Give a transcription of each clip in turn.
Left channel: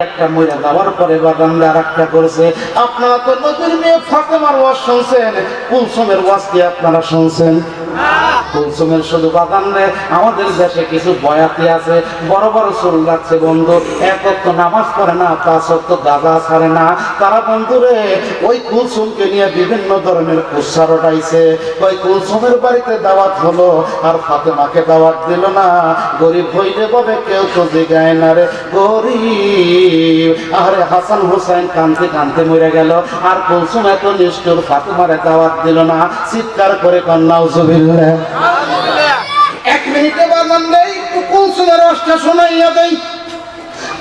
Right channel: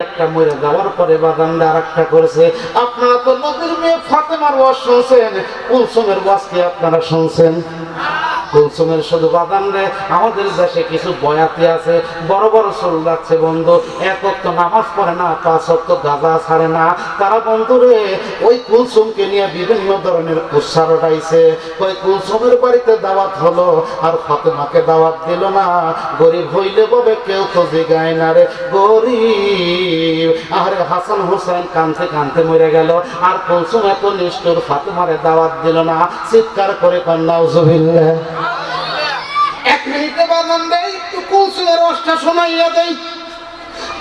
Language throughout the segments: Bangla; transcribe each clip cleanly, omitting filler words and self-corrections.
একটা মরে যাওয়ার পরে বাগানটা আরেকটা করেছে। আপনারা তো নবীর মেয়ে ফাতেমার ওয়াজ শুনছেন, কুলসুমের ওয়াজ কি আপনারা শুনছেন? কুলসুমের শুধু বাগান রে। আমাদের দেশে কিছু বয়াতি আছে, বড় বড় চুল যাচ্ছে বন্ধু, এক ওয়াক্ত নামাজ পড়ে না, 5 ওয়াক্ত গাঁজা ছাড়ে না। তারা বন্ধু রে ওই কুলসুমকে নিয়ে বিভিন্ন ধরনের কুৎসার উঠাইছে। ওই কুলসুমের বাড়িতে দাওয়াত হলো আর ফাতেমাকে দাওয়াত দিল না। গরিব হইলে বলে কেউ তো জিগায় না রে, গরিব। আরে হাসান হুসাইন কানতে কানতে মরে গেল, আর কুলসুম এত নিষ্ঠুর, ফাতেমারে দাওয়াত দিল না। চিৎকার করে নাউজুবিল্লাহ। 1 মিনিটে বাজান দেই, একটু কুলসুমের রসটা শোনাইয়া দেই।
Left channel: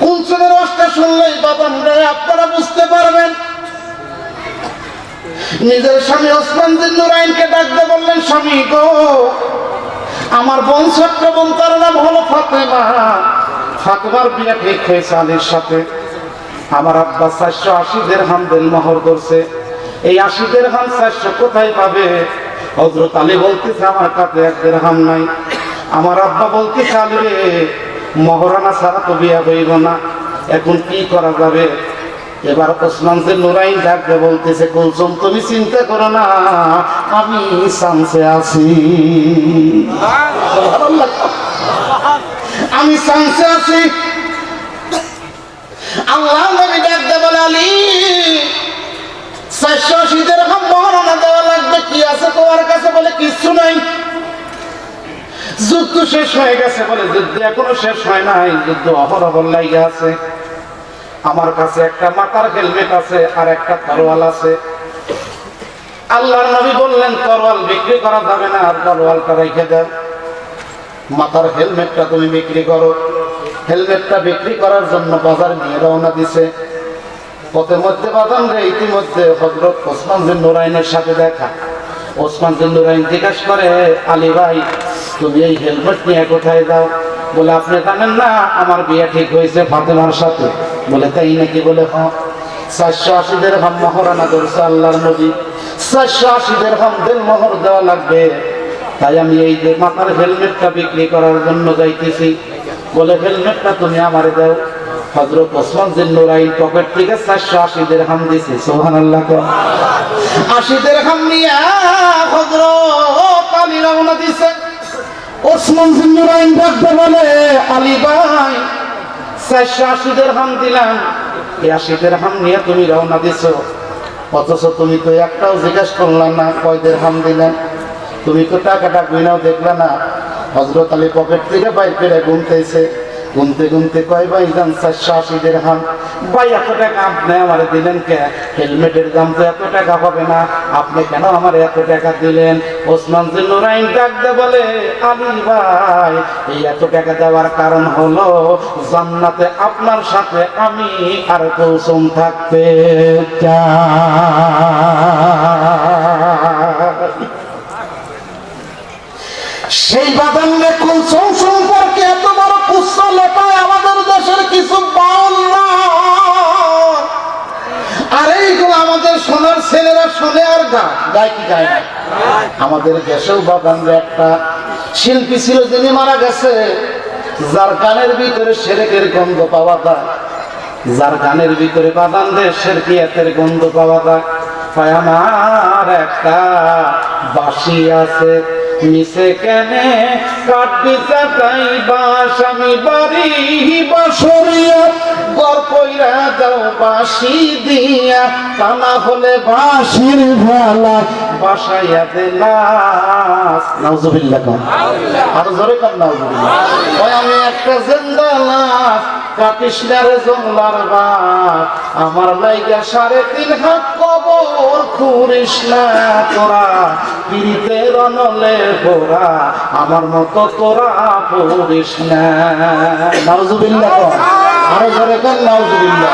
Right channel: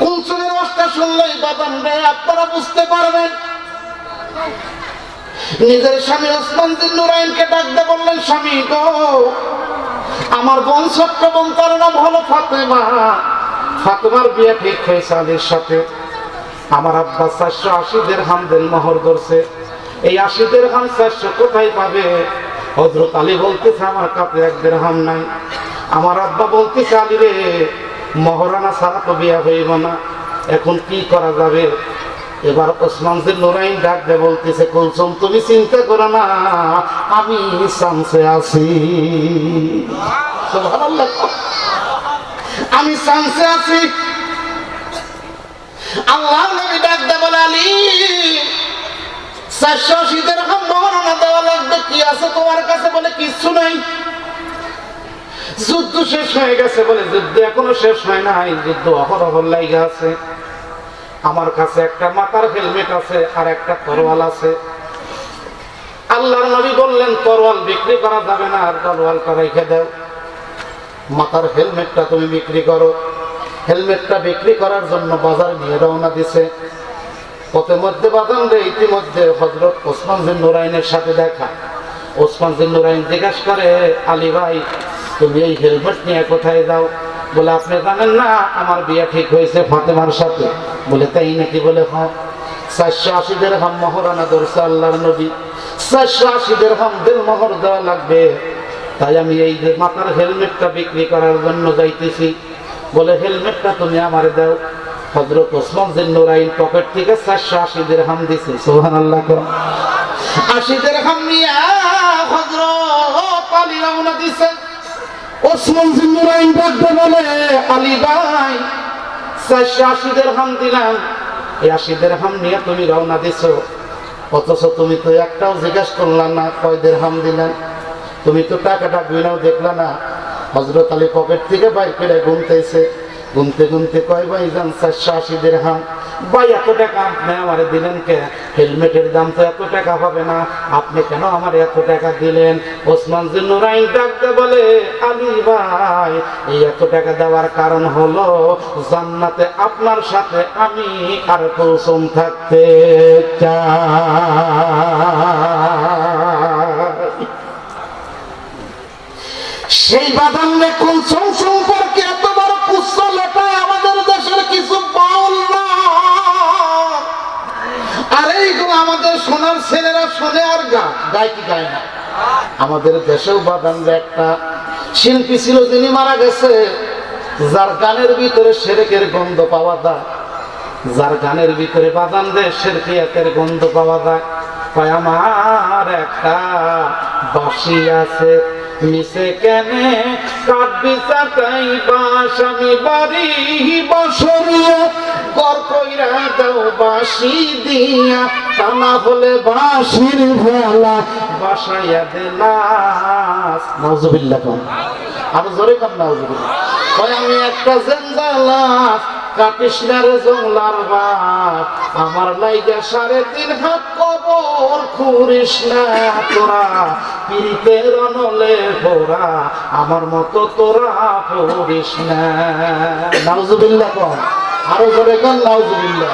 কুলসুমের রসটা শুনলেই বাজান দেই আপনারা বুঝতে পারবেন। নিজের স্বামী ওসমান বিন নুরাইনকে ডাকতে বললেন, স্বামী গো, আমার বোন ছোট্ট বোন, তার নাম হলো ফাতেমা। ফাতেমার বিয়ে ঠিক হয়েছে আলীর সাথে। আমার আব্বা 480 দিরহাম মোহর করছে। এই 80 দিরহাম 400 কোথায় পাবে? হযরত আলী বলতেছে আমার কাছে 1 দিরহাম নাই। আমার আব্বা বলতেছে আলী রে, মহরানা ছাড়া তো বিয়ে হইব না, এখন কি করা যাবে? এবার ওসমান বিন নুরাইন ডাক দিয়ে বলতেছে, কুলসুম তুমি চিন্তা করো না, আমি চান্সে আছি। সুবহানাল্লাহ, আমি চান্সে আছি। আল্লাহ নবী ডাক দিয়ে বলে, আলী 480 দিরহাম মহরানা দেওয়া লাগবে, কি আছে তোমার কাছে? বলে কিছু নাই। যুদ্ধ শেষ হয়ে গেছে? বলে যুদ্ধ এখনো শেষ হয় নাই, যুদ্ধ অহরহ লাগা আছে। আমার কাছে একটা মাথার হেলমেট আছে আর একটা তরোয়াল আছে। আল্লাহর নবী বললেন, তরোয়াল বিক্রি করা যাবে না, আর তরোয়ালটা রেখে দাও, মাথার হেলমেটটা তুমি বিক্রি করো। হেলমেটটা বিক্রি করার জন্য বাজার নিয়ে রওনা দিছে। পথের মধ্যে বাদাম রে, ইতিমধ্যে হযরত ওসমান বিন নুরাইনের সাথে দেখা। ওসমান বিন নুরাইন জিজ্ঞাসা করে, আলী ভাই তুমি এই হেলমেট নিয়ে কোথায় যাও? বলে আপনি জানেন না আমার বিয়ে ঠিক হয়েছে ফাতেমার সাথে? বলে তাই নাকি? বলে হ্যাঁ। 480 দিরহাম মহরানা করছে আল্লাহর নবী, 480 দিরহাম মোহর দেওয়া লাগবে, তাই আমি এই মাথার হেলমেটটা বিক্রি করার জন্য যাইতেছি। বলে হেলমেটটা তুমি আমারে দাও। হযরত ওসমান বিন নুরাইন পকেট থেকে 480 দিরহাম দিয়েছে। সুবহানাল্লাহ। 80 দিরহাম নিয়ে হযরত আলী রওনা দিয়েছে। ওসমান বিন নুরাইন ডাকতে বলে, আলী ভাই 480 দিরহাম দিলাম, এই 80 দিরহাম নিয়ে তুমি রওনা দিছো, অথচ তুমি তো একটাও জিজ্ঞেস করলাম না কয় দিরহাম দিলেন? তুমি তো টাকাটা গুনাও দেখলা না। হযরত আলী পকেট থেকে বাইর করে গুনতেছে, গুনতে গুনতে কয় ভাইজান 480 দিরহাম। ভাই এত টাকা আপনি আমার দিলেন কে? হেলমেটের দাম তো এত টাকা হবে না, আপনি কেন আমার এত টাকা দিলেন? ওসমান বিন নুরাইন ডাকতে বলে, আলী ভাই এই এত টাকা দেওয়ার কারণ হলো জান্নাতে আপনার সাথে আমি আর কুলসুম থাকতে চাই। সেই বাদামে কুলসুম সম্পর্কে এত বড় কুৎসা লেখায় আমাদের দেশের কিছু বাউল না। আর এইগুলো আমাদের সোনার ছেলেরা শুনে আর গায় কি গায় না। আমাদের দেশেও বাদামে একটা শিল্পী ছিল, যিনি মারা গেছে, যার গানের ভিতরে শিরকের গন্ধ পাওয়া যায়, যার গানের ভিতরে বাদাম দে শিরকিয়াতের গন্ধ পাওয়া যায়। তাই আমার একটা বাঁশি আছে, মিশে কেনে কাটবি চাকাই বাঁশ, আমি বাড়ি বসরিয়া গর কইরা দাও বাঁশি দিয়া, তা না হলে বাঁশির ভেলা বাসাইয়া দিলাস। নাউজুবিল্লাহ। আর জোরে কর নাউজুবিল্লাহ। ওই আমি একটা জিন্দা লাশ, কাটিস না রে জংলার বাপ, আমার লাইগা 3.5 হাত কবর খুঁড়িস না তোরা, পিরিতের অনলে পোড়া আমার মতো তোরা পড়িস না। নাউজুবিল্লাহ। আরো জোরে কর নাউজুবিল্লাহ।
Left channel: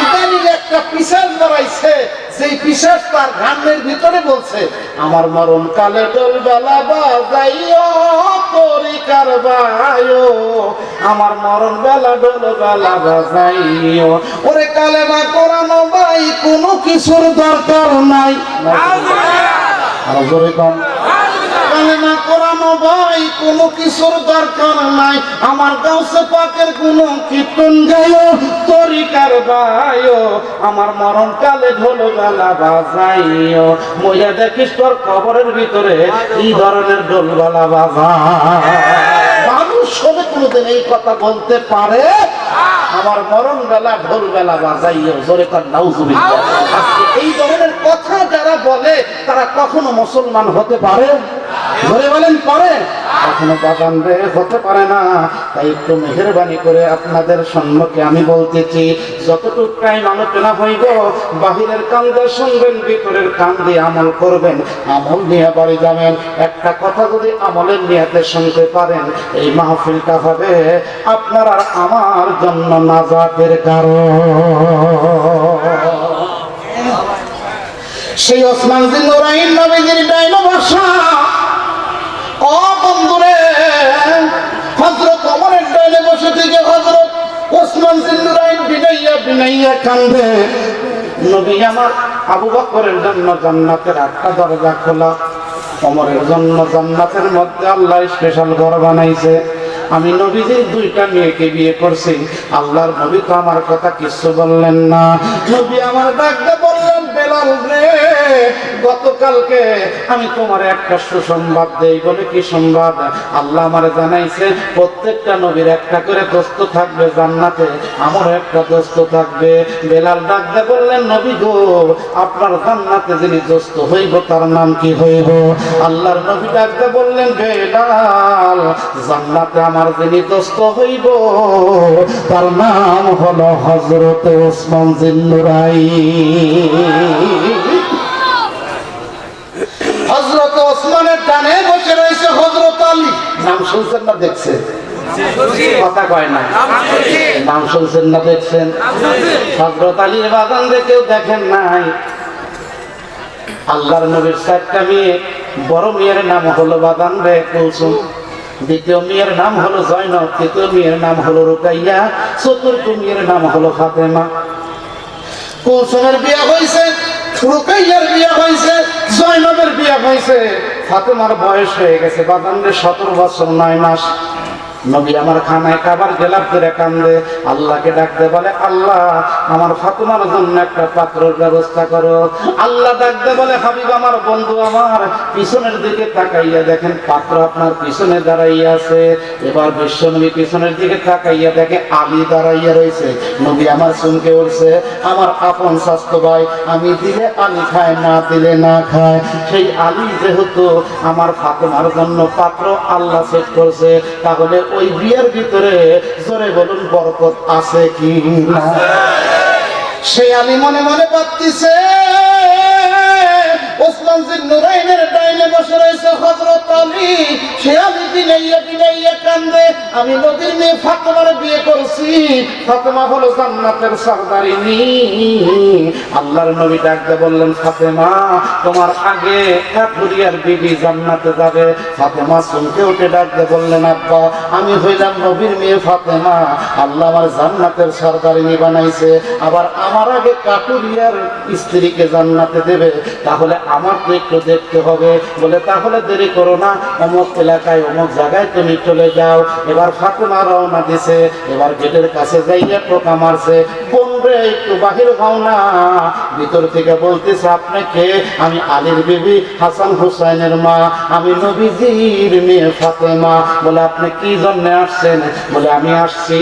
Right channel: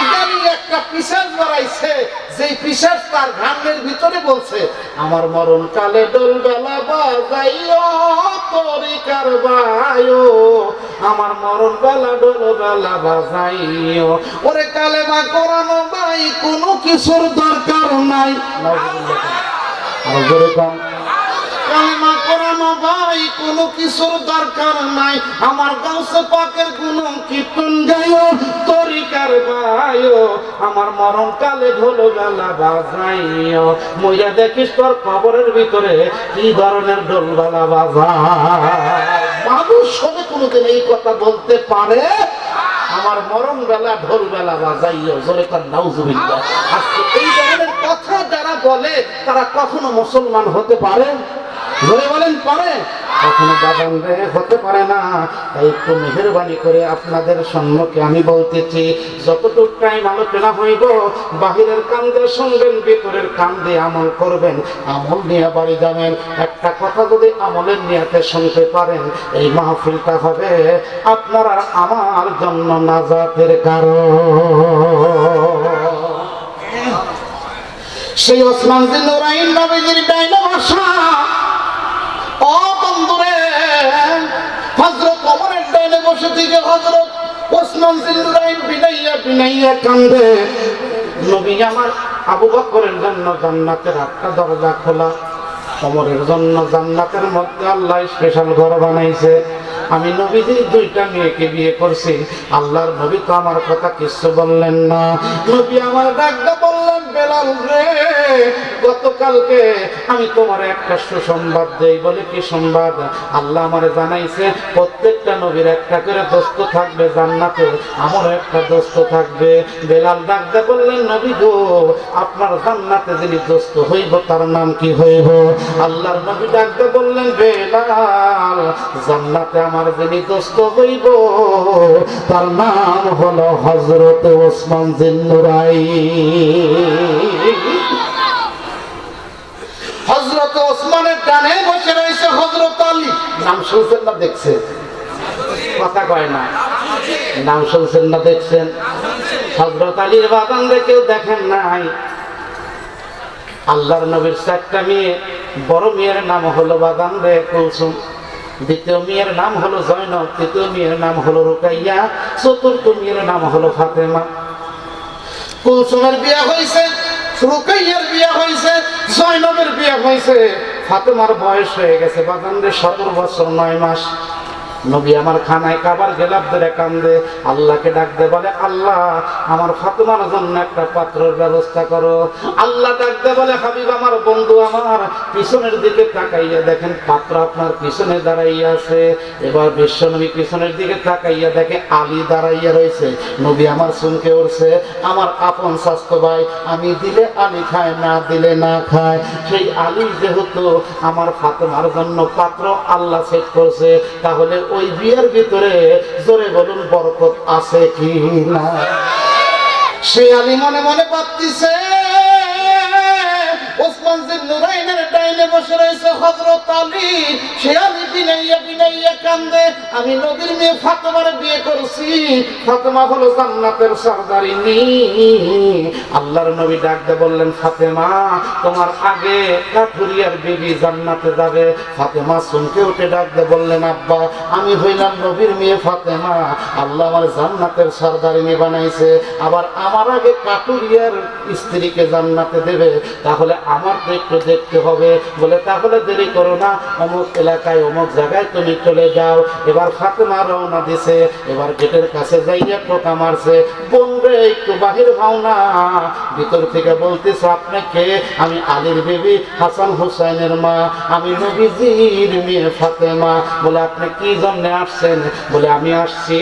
ইদানিং একটা পিশাচ বাড়াইছে, যেই পিশাচ তার ঘামের ভিতরে বলছে, আমার মরণ কালে ডোল বেলা বাজাইও তরিকার বায়ো, আমার মরণ বেলা ডোল বেলা বাজাইও। ওরে কালেমা করানো ভাই কোনো কিছুর দরকার নাই। আরো জোরে কর। কালেমা করানো ভাই কোনো কিছুর দরকার নাই, আমার গাউসে পাকের কোনো কীর্তন গাইও তোর তরিকার ভাইও আমার মরণ কালে ঢোল বেলা বাজাইও মইয়া দেখিস তোর খবরের ভিতরে কি ধরনের ঢোল বেলা বাজায় মানুষ সবে কোনোদিন এই কথা বলতে পারে আমার মরণ বেলা ঢোল বেলা বাজাইও জোরে কর নাউজুবিল্লাহ আজকে এই ধরনের কথা যারা বলে তারা কখনো মুসলমান হতে পারে জোরে বলেন পারে কখনো বাগান রে হতে পারে না তাই একটু মেহেরবানি করে আপনাদের সম্মুখে আমি বলতেছি যতটুকু টাইম আলোচনা হইব বাহিরের কান দিয়ে শুনবেন ভিতরের কান দিয়ে আমল করবেন আমল নিয়ে বাড়ি যাবেন একটা কথা যদি আমলের নিয়াতে শুনতে পারেন এই মাহফিলটা হবে আপনার আর আমার জন্য নাজাতের কারণ সেই ওসমান বিন নুরাইন নবীর ডাইনে বসা ও বন্ধুরে হযরত ওমরের ডাইনে বসে থেকে হযরত ওসমান বিন নুরাইন বিনাইয়া কান্দে নবী আমার আবু বকরের জন্য জান্নাতের একটা দরজা খোলা ওমরের জন্য জান্নাতের মধ্যে আল্লাহ স্পেশাল ঘর বানাইছে আমি নবীজি দুইটা মেয়েকে বিয়ে করছি আল্লাহর নবী তো আমার কথা কিছু বললেন না নবী আমার ডাকতে বললেন বেলাল রে গতকালকে আমি তোমার একটা সুসংবাদ দেই বলে কি সংবাদ আল্লাহ আমারে জানাইছে প্রত্যেকটা নবীর একটা করে দোস্ত থাকবে জান্নাতে আমারও একটা দোস্ত থাকবে বেলাল ডাকতে বললেন নবী গো আপনার জান্নাতে যিনি দোস্ত হইব তার নাম কি হইব আল্লাহর নবী ডাকতে বললেন বেলাল জান্নাতে আমার যিনি দোস্ত হইব তার নাম হলো হযরত ওসমান বিন নুরাইন হযরত ওসমানের ডানে বসে রয়েছে হযরত আলী নাম শুনছেন না দেখছেন কথা কয় না নাম শুনছেন না দেখছেন হযরত আলীর বাগান কেউ দেখেন নাই আল্লাহর নবীর চারটা মেয়ে বড় মেয়ের নাম হলো বাগান রে কুলসুম দ্বিতীয় মেয়ের নাম হলো জয়নব তৃতীয় মেয়ের নাম হলো রুকাইয়া চতুর্থ মেয়ের নাম হলো ফাতেমা কুলসুমের বিয়ে হয়েছে রুকাইয়ার বিয়ে হয়েছে জয়নবের বিয়ে হয়েছে ফাতেমার বয়স হয়ে গেছে বাগান রে 17 বছর 9 মাস নবী আমার খানায় খাবার গেলাপ ধরে কান্দে আল্লাহকে ডাকতে বলে আল্লাহ আমার ফাতেমার জন্য একটা পাত্রের ব্যবস্থা করো আল্লাহ ডাকতে বলে হাবিব আমার বন্ধু আমার পিছনের দিকে তাকাইয়া দেখেন পাত্র আপনার পিছনে দাঁড়াইয়া আছে এবার বিশ্বনবী পিছনের দিকে তাকাইয়া দেখে আলী দাঁড়াইয়া রয়েছে নবী আমার শুনকে উঠছে আমার আপন স্বাস্থ্য ভাই আমি দিলে আলী খায় না দিলে না খায় সেই আলী যেহেতু আমার ফাতেমার জন্য পাত্র আল্লাহ সেট করছে তাহলে ওই বিয়ের ভিতরে জোরে বলুন বরকত আছে কি না সেই আলী মনে মনে ভাবতেছে ওসমান বিন নুরাইনের ডাইনে বসে রয়েছে হযরত আলী সে আলী বিনাইয়া কান্দে আমি নবীর মেয়ে ফাতেমার বিয়ে করছি ফাতেমা হলো জান্নাতের সরদারিনী আল্লাহর নবী ডাকতে বললেন ফাতেমা তোমার আগে কাঠুরিয়ার বিবি জান্নাতে যাবে ফাতেমা শুনতে উঠে ডাকতে বললেন আব্বা আমি হইলাম নবীর মেয়ে ফাতেমা আল্লাহ আমার জান্নাতের সরদারিনী বানাইছে আবার আমার আগে কাঠুরিয়ার স্ত্রীকে জান্নাতে দেবে তাহলে আমার তো একটু দেখতে হবে বলে তাহলে দেরি করো না অমুক এলাকায় অমুক জায়গায় তুমি চলে যাও এবার ফাতেমা রওনা দিছে এবার গেটের কাছে যাইয়া টোকা মারছে বন্ধুরে একটু বাহির হও না ভিতর থেকে বলতেছে আপনাকে আমি আলীর বিবি হাসান হুসাইনের মা আমি নবীজির মেয়ে ফাতেমা বলে আপনি কি জন্য আসছেন বলে আমি আসছি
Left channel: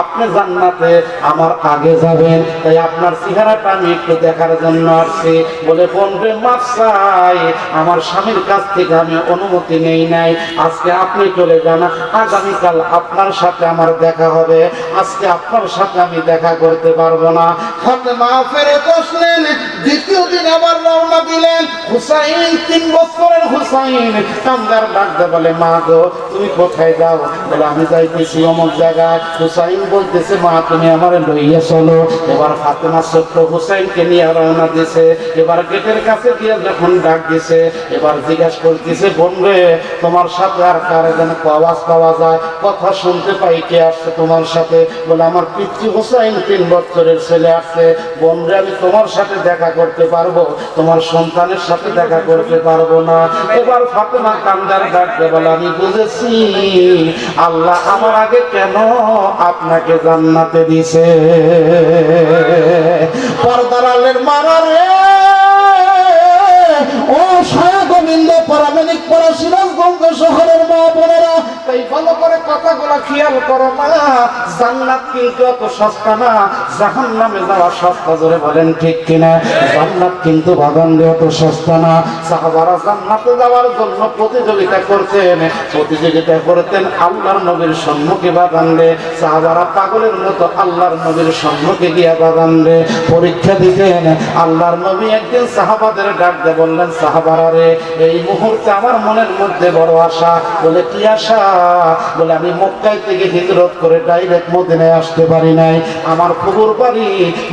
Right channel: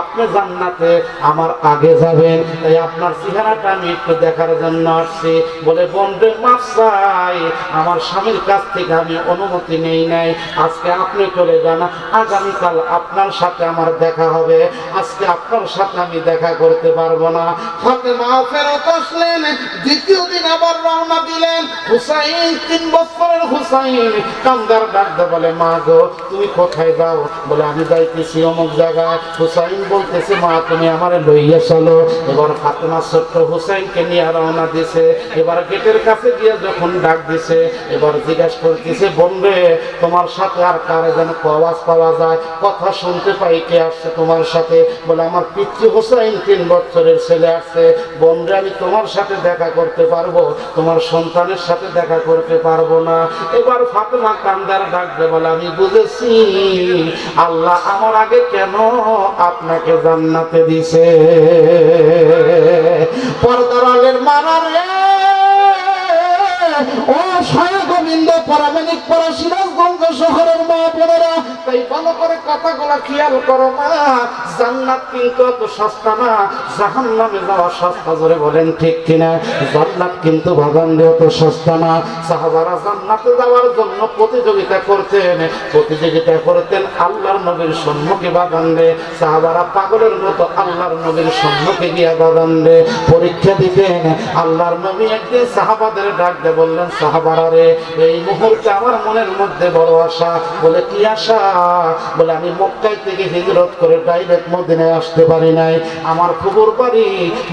আপনি জান্নাতে আমার আগে যাবেন তাই আপনার চেহারাটা আমি একটু দেখার জন্য আসছি বলে বন্ধুরে মাফ চাই আমার স্বামীর কাছ থেকে আমি অনুমতি নেই নাই আজকে আপনি চলে যান আগামীকাল আপনার সাথে আমার দেখা হবে আজকে আপনার সাথে আমি দেখা করতে পারবো না ফাতেমা ফেরত আসলেন দ্বিতীয় দিন আবার রওনা দিলেন হুসাইন 3 বছরের হুসাইন কান্দার ডাকতে বলে মা গো তুমি কোথায় যাও বলে আমি যাইতেছি অমুক জায়গায় হুসাইন বলতেছে মা তুমি আমারে লইয়া চলো এবার ফাতেমা ছোট্ট হুসাইনকে নিয়ে রওনা দিছে এবার গেটের কাছে গিয়ে যখন ডাক দিছে এবার জিজ্ঞাসা করতেছে বন্ধু তোমার সাথে আর কার যেন আওয়াজ পাওয়া যায় কথা শুনতে পাই কে আসছে তোমার সাথে বলে আমার পিতৃ হুসাইন 3 বছরের ছেলে আসছে বন্ধু আমি তোমার তোমার সাথে দেখা করতে পারবো, তোমার সন্তানের সাথে দেখা করতে পারবো না। এবার ফাতেমা কান্দার ডাকতে বলে, আমি বুঝেছি আল্লাহ আমার আগে কেন আপনাকে জান্নাতে দিছে। পর্দার আলের মারা রে, ও সায়া গোবিন্দ পরামানিক পরা সিরাজগঞ্জ শহরের মা বোনেরা, তাই ভালো করে কথাগুলো খেয়াল করো না। জান্নাত কিন্তু এত সস্তা না, জাহান্নামে যাওয়া সস্তা। জোরে বলেন ঠিক কিনা? জান্নাত কিন্তু বাগান দিয়ে এত সস্তা না। সাহাবারা জান্নাতে যাওয়ার জন্য প্রতিযোগিতা করতেন, আল্লাহর নবীর সম্মুখে বাগান রে। সাহাবারা পাগলের মতো আল্লাহর নবীর সম্মুখে গিয়া বাগান রে পরীক্ষা দিতেন। আল্লাহর নবী একদিন সাহাবাদের ডাক দিয়ে বললেন, সাহাবারা রে, এই মুহূর্তে আমার মনের মধ্যে বড় আশা। বলে কি আশা? বলে আমি মক্কায় থেকে হিজরত করে ডাইরেক্ট মদিনায় আসতে পারি নাই। আমার ফুফুর বাড়ি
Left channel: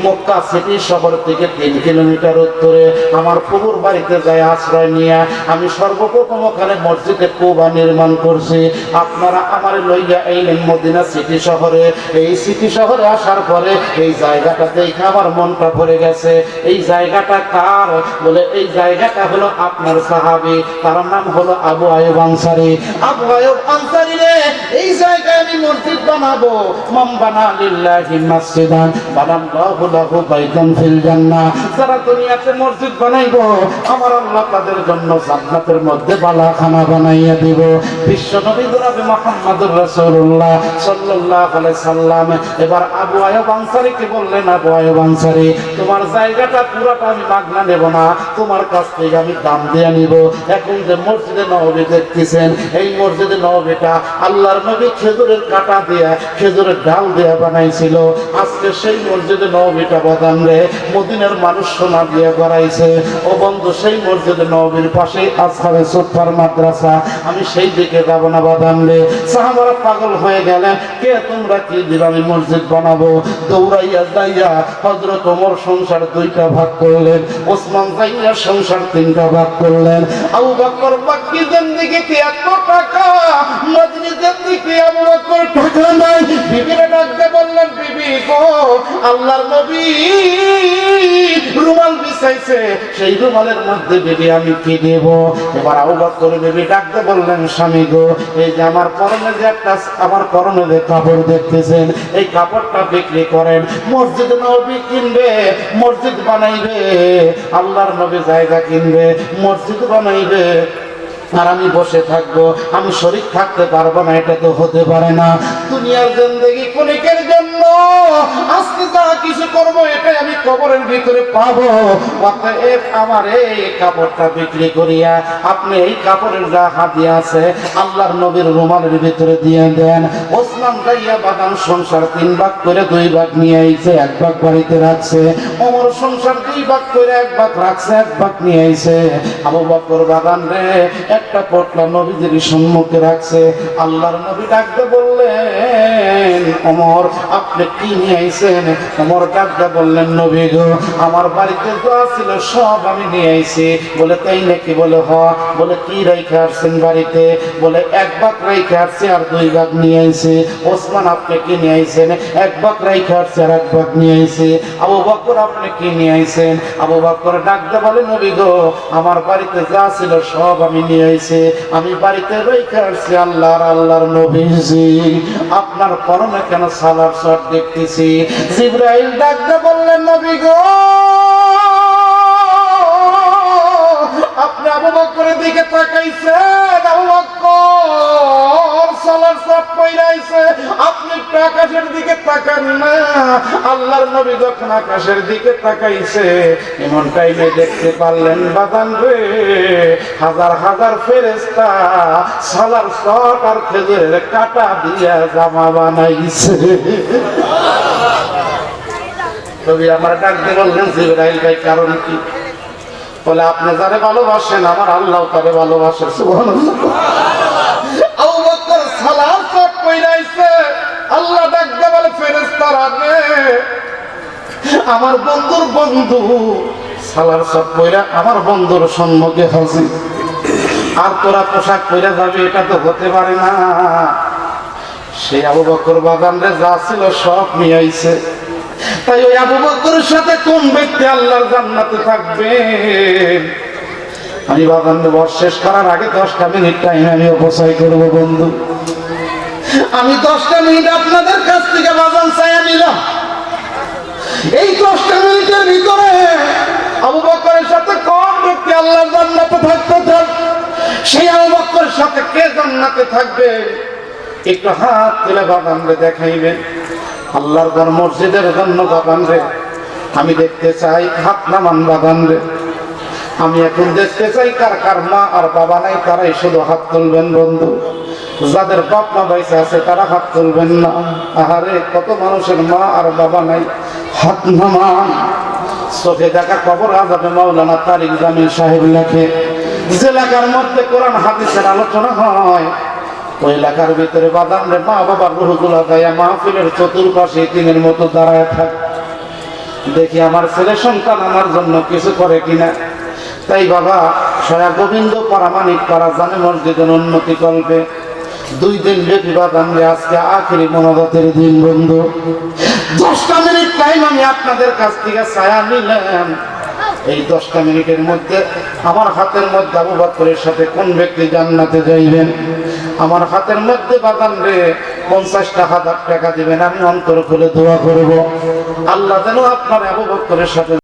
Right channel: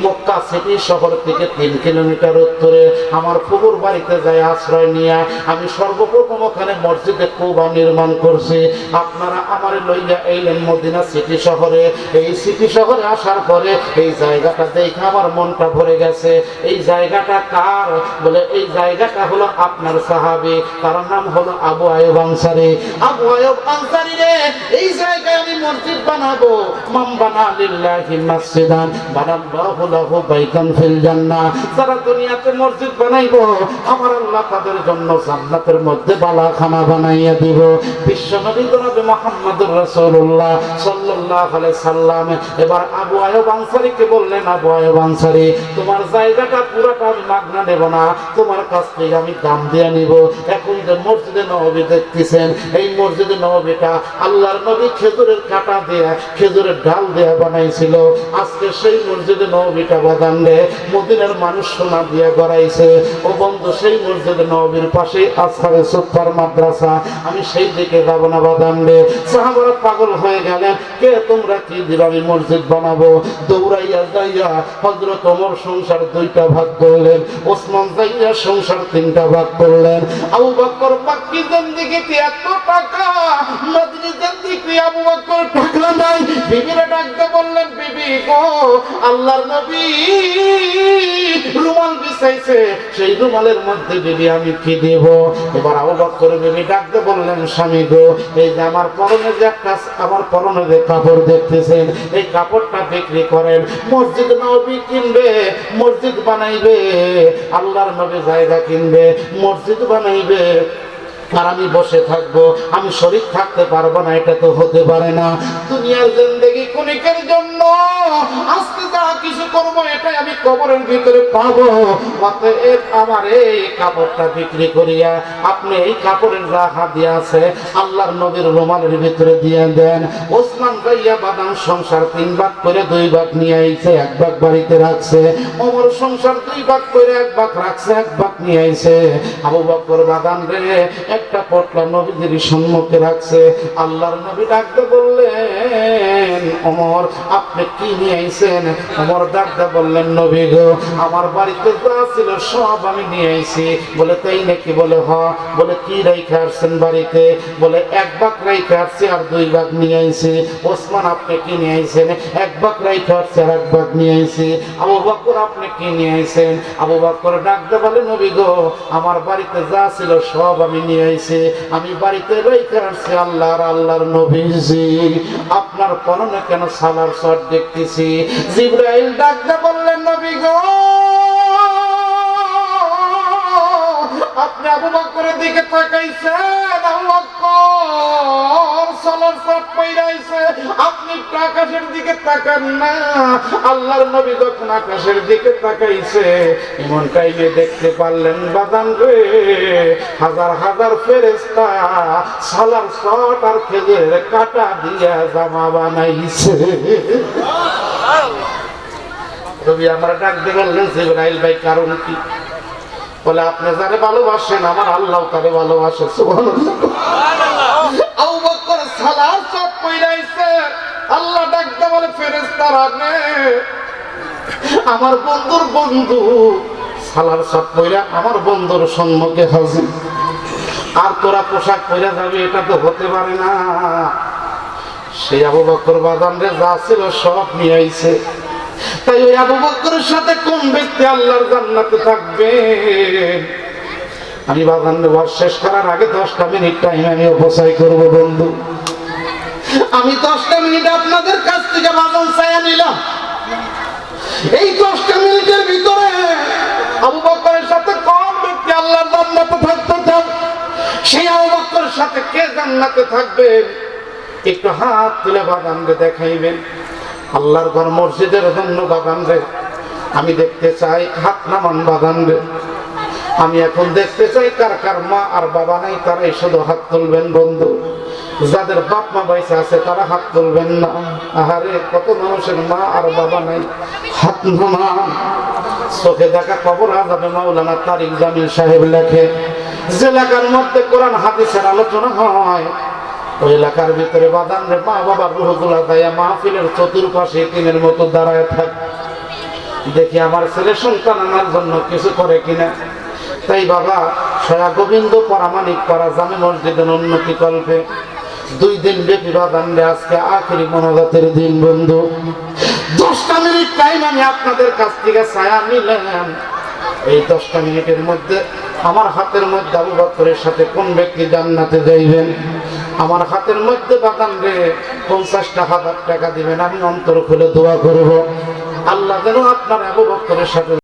মক্কা সিটি শহর থেকে 3 কিলোমিটার উত্তরে। আমার ফুফুর বাড়িতে যায় আশ্রয় নিয়ে আমি সর্বপ্রথম ওখানে মসজিদে কুবা নির্মাণ করছি। আপনারা আমার লইয়া এলেন মদিনা সিটি শহরে। এই সিটি শহরে আসার পরে এই জায়গাটা দেখে আমার মনটা ভরে গেছে। এই জায়গাটা কার? বলে এই জায়গাটা হলো আপনার সাহাবী, তার নাম হলো আবু আইয়ুব আনসারী। আবু আইয়ুব আনসারী রে, এই জায়গায় আমি মসজিদ বানাবো। মান বানা লিল্লাহি মাসজিদান বানাল্লাহু লাহু বাইতান ফিল জান্নাহ। যারা দুনিয়াতে মসজিদ বানাইবো, আমার আল্লাহ তাদের জন্য জান্নাতের মধ্যে বালাখানা বানাইয়া দিব। বিশ্ব নবী জনাব মুহাম্মদুর রাসূলুল্লাহ সাল্লাল্লাহু আলাইহি সাল্লাম এবার আবু আইয়ুব আনসারীকে বললেন, আবু আইয়ুব আনসারী, তোমার জায়গাটা পুরাটা আমি মাগনা নেব না, তোমার কাছ থেকে আমি দাম দিয়ে নিব। এখন যে মসজিদে নববী দেখতেছেন, এই মসজিদে নববীটা আল্লাহর নবী খেজুরের কাঁটা দেয়া, খেজুরের ডাল দেয়া বানাইছিল। আজকে সেই মসজিদে নববীটা বাদাম রে মদিনার মানুষ সোনা দিয়ে গড়াইছে। ও বন্ধু, সেই মসজিদে নববীর পাশেই আসখানে সুপার মাদ্রাসা, আমি সেই দিকে যাব না বাদাম রে। সাহাবারা পাগল হয়ে গেলেন, কে তোমরা কি দিবা? আমি মসজিদ বানাবো। দৌড়াইয়া যাইয়া হযরত ওমর সংসার 2টা ভাগ করলেন, ওসমান যাইয়া সংসার 3টা ভাগ করলেন। আবু বকর মসজিদের দিকে এত টাকা, মসজিদের দিকে আবু বকর টাকা নাই। বিবিরে ডাকতে বললেন, বিবি গো, আল্লাহর নবী রুমাল বিছাইছে, সেই রুমালের মধ্যে বিবি আমি কি দেব? এবার আবু বকর বিবি ডাকতে বললেন, স্বামী গো, এই যে আমার পরনে যে একটা আমার পরনে যে কাপড় দেখতেছেন, এই কাপড়টা বিক্রি করেন। মসজিদ নবী কিনবে, মসজিদ বানাইবে, আল্লাহর নবী জায়গা কিনবে, মসজিদ বানাইবে, আর আমি বসে থাকবো, আমি শরীর থাকতে পারবো না। এটা তো হতে পারে না। দুনিয়ার জিন্দেগি ক্ষণিকের জন্য, আজকে যা কিছু করবো এটাই আমি কবরের ভিতরে পাবো। অতএব আমার এই কাপড়টা বিক্রি করিয়া আপনি এই কাপড়ের যা হাদিয়া আছে আল্লাহর নবীর রুমালের ভিতরে দিয়ে দেন। ওসমান যাইয়া বাদাম সংসার 3 ভাগ করে 2 ভাগ নিয়ে আইছে, 1 ভাগ বাড়িতে রাখছে। ওমর সংসার 2 ভাগ করে 1 ভাগ রাখছে, 1 ভাগ নিয়ে আইছে। আবু বকর বাদাম রে একটা পটলা নবীজির সম্মুখে রাখছে। আল্লাহর নবী ডাকতে বললেন, ওমর আপনি কি নিয়ে আইছেন? ওমর ডাকতে বললেন, নবী গো, আমার বাড়িতে যা ছিল সব আমি নিয়ে আইছি। বলে তাই নাকি? বলে হ। বলে কি রেখে আসছেন বাড়িতে? বলে 1 ভাগ রেখে আসছি আর 2 ভাগ নিয়ে আইছি। ওসমান আপনি কি নিয়ে আইছেন? 1 ভাগ রেখে আসছি আর 1 ভাগ নিয়ে আইছি। আবু বকর আপনি কি নিয়ে আইছেন? আবু বকর ডাকতে বলে, নবী গো, আমার বাড়িতে যা ছিল সব আমি নিয়ে আইছি, আমি বাড়িতে রেখে আসছি আল্লাহর নবীজি। আপনার পরনে কেন সালার শট দেখতেছি? জিবরাইল ডাকতে বললেন, নবী গো, আপনি আবু বকরের দিকে তাকাইছেন, আবু বকর সালার শট পাইরাইছে, আপনি আকাশের দিকে তাকান না। আল্লাহর নবী যখন আকাশের দিকে তাকাইছে, এমন টাইমে দেখতে পারলেন বাদান রে, হাজার হাজার ফেরেশতা সালার শট আর খেজুরের কাঁটা দিয়া জামা বানাইছে। নবী আমার ডাক দিয়ে বললেন, জিবরাইল ভাই কারণ কি? বলে আপনি যারে ভালোবাসেন আমার আল্লাহ তারে ভালোবাসে। সুবহানাল্লাহ। আবু বকর সালার শট পইরাইছে। আল্লাহ ডাক দিয়ে বলে, ফেরেশতারা রে, আমার বন্ধুর বন্ধু সালার শট পইরা আমার বন্ধুর সম্মুখে হাজির, আর তোরা পোশাক পরে যাবে, এটা তো হতে পারে না। সেই আবু বকর বাদান রে যা ছিল সব নিয়ে আইছে। তাই ওই আবু বকরের সাথে কোন ব্যক্তি আল্লাহর জান্নাতে থাকবে? আমি বাগান বস শেষ করার আগে 10টা মিনিট টাইম আমি অপচয় করবো বন্ধু। আমি 10টা মিনিট আপনাদের কাছ থেকে বাগান চাইয়া নিলাম। এই 10টা মিনিটের ভিতরে আবু বকরের সাথে কোন ব্যক্তি আল্লাহর জান্নাতে থাকতে চান? সেই আবু বকরের সাথে কে জান্নাতে থাকবে? একটু হাত তুলে বাগান রে দেখাইবেন। আল্লাহর ঘর মসজিদের জন্য বাগান রে আমি দেখতে চাই, হাত নামান বাগান রে। আমি এখন দেখতে চাই কার কার মা আর বাবা নাই, তারাই শুধু হাত তুলবেন বন্ধু। যাদের বাপ মা বাইসা আছে তারা হাত তুলবেন না। আহারে কত মানুষের মা আর বাবা নাই, হাত নামান। চোখে দেখা কবর আযাবে মাওলানা তারিক জামিল সাহেব লেখে, যে এলাকার মধ্যে কোরআন হাদিসের আলোচনা হয় ওই এলাকার ভিতরে বাদান রে মা বাবার রুহগুলা দায়া মাহফিলের চতুর্পাশে ইতিমের মতো দাঁড়ায় থাকে। দেখি আমার ছেলে সন্তান আনার জন্য কিছু করে কিনা। তাই বাবা সয়া গোবিন্দ পরামানিক পারা জামে মসজিদের উন্নতি কল্পে 2 দিন ব্যাপী বাদান রে আজকে আখেরি মোনাজাতের দিন বন্ধু। 10টা মিনিট টাইম আমি আপনাদের কাছ থেকে ছায়া নিলাম। এই 10টা মিনিটের মধ্যে আমার হাতের মধ্যে আবু বকরের সাথে কোন ব্যক্তি জান্নাতে যাইবেন? আমার হাতের মধ্যে বাদান রে 50,000 টাকা দিবেন। আমি অন্তর খুলে দোয়া করব আল্লাহ যেন আপনার আবু বকরের সাথে